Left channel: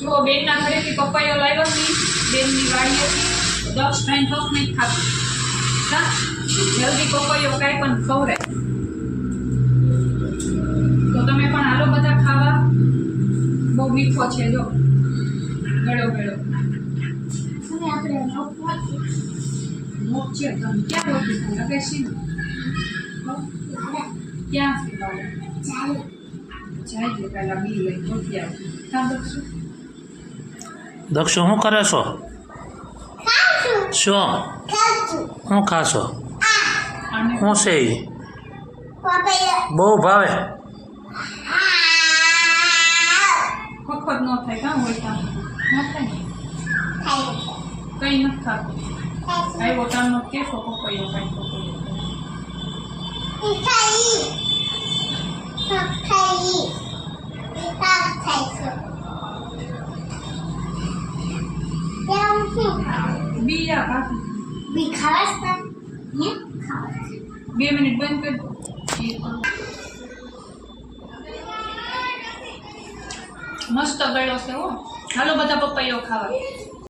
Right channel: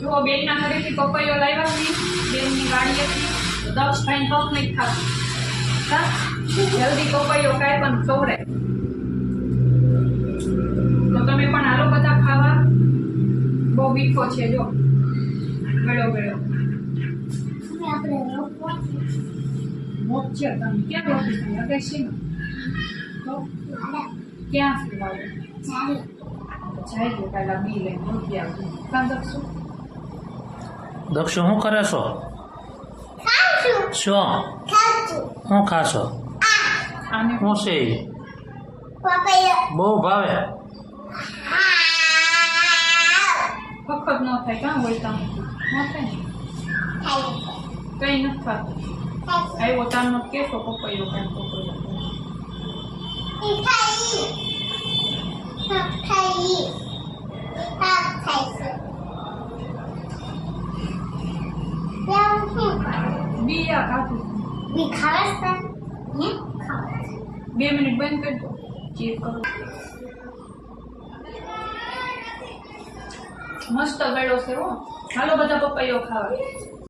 જો બેનના ઘરેથી પપૈયો લાવ્યા હતી બેનની વાડીએથી દક્ષ ભાઈ હક નહીં ખાતું હા જલ્દી પપૈયો કાંઈ પણ ખવડાય તો તમે પણ હાલો બધા ખાવા બહુ મીઠો છે જો ગળો ગળો મોટ છે તમે ક્યાં મોટી છે અગેશી ક્યાં છે વાળો જાય છે કાલા બી લઈને મોટી આવશે કાં દક્ષુ દક્ષુ શું કરે છો શું શું ખાશો આને શું છે એ બહુ ભાવે વખત ન થાય કાં હોય ત્યાં ન થાય કઈ નથી થતું આવ્યો તારનો કેસો પપૈયો કાંઈ પપૈયો બીયા કાઢું 2 મિનિટ બંધ કરી દો એ કરું મસ્ત ગળ્યો છે હો હાલો બધા પપૈયો ખાવા